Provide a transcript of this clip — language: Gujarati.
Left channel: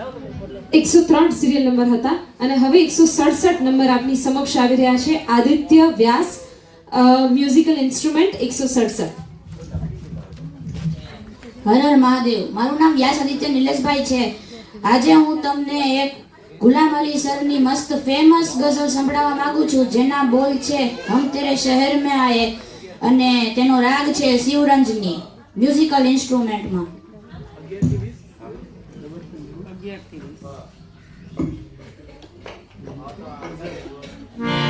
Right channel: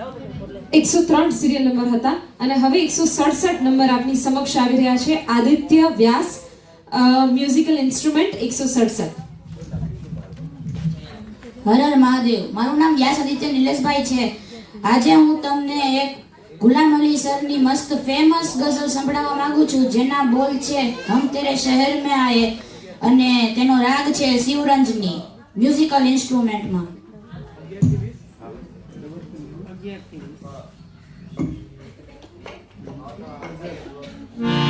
103 સિરિયલ નંબર હતા અને હવે 167 નંબર આપની સમક્ષ આવી રહ્યા છે. આદિત્ય વ્યાસ, મ્યુઝિકલ ઇન્સ્ટ્રુમેન્ટ 167. હર હર મહાદેવ. મારું નામ વ્યાસ આદિત્ય નિલેશભાઈ છે. આજે હું તમને એક ગુલામ અલી સરની મસ્ત ફેમસ ગઝલ સંભળાવવા માંગુ છું, જેના બોલ છે હમ તેરે શહેર મેં આયે અને તેનો રાગ છે શિવરંજની. મ્યુઝિકલ ઇન્સ્ટ્રુમેન્ટમાં Thank you.